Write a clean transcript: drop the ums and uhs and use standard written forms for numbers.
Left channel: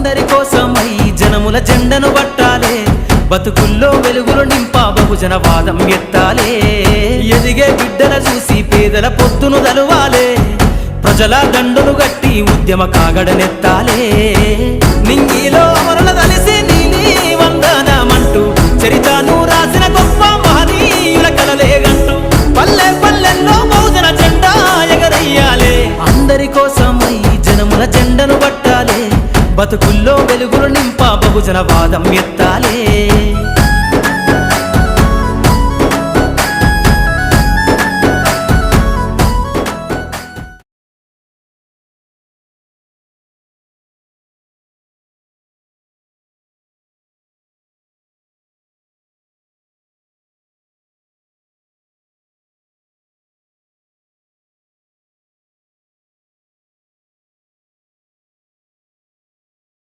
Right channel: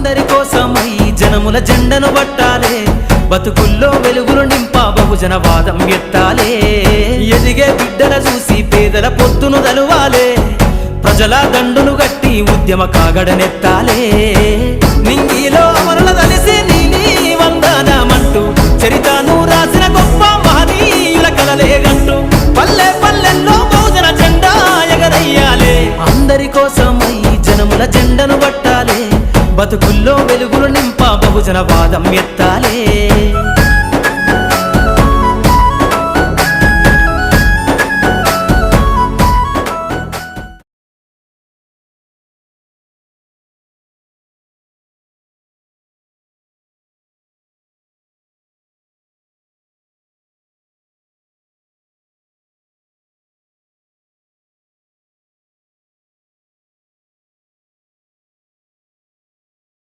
అందరి కోసమై జనముల జెండను పట్టాలే, బతుకుల్లో వెలుగులు నింపా బహుజన వాదం ఎత్తాలే. ఎదిగే బిడ్డల చూసి పేదల పొత్తును దలువాలే, ప్రజల దండును గట్టి ఉద్యమ కాగడనెత్తాలే. నింగిలో అమరుల దలిసి నీలి వందనమంటూ చరితను రాసిన గొప్ప మహనీయుల కలలేగంటూ పల్లె పల్లెల్లో బహుజన జెండా ఎగరయ్యాలే. అందరి కోసమై జనముల జెండను పట్టాలే, బతుకుల్లో వెలుగులు నింపా బహుజన వాదం ఎత్తాలే.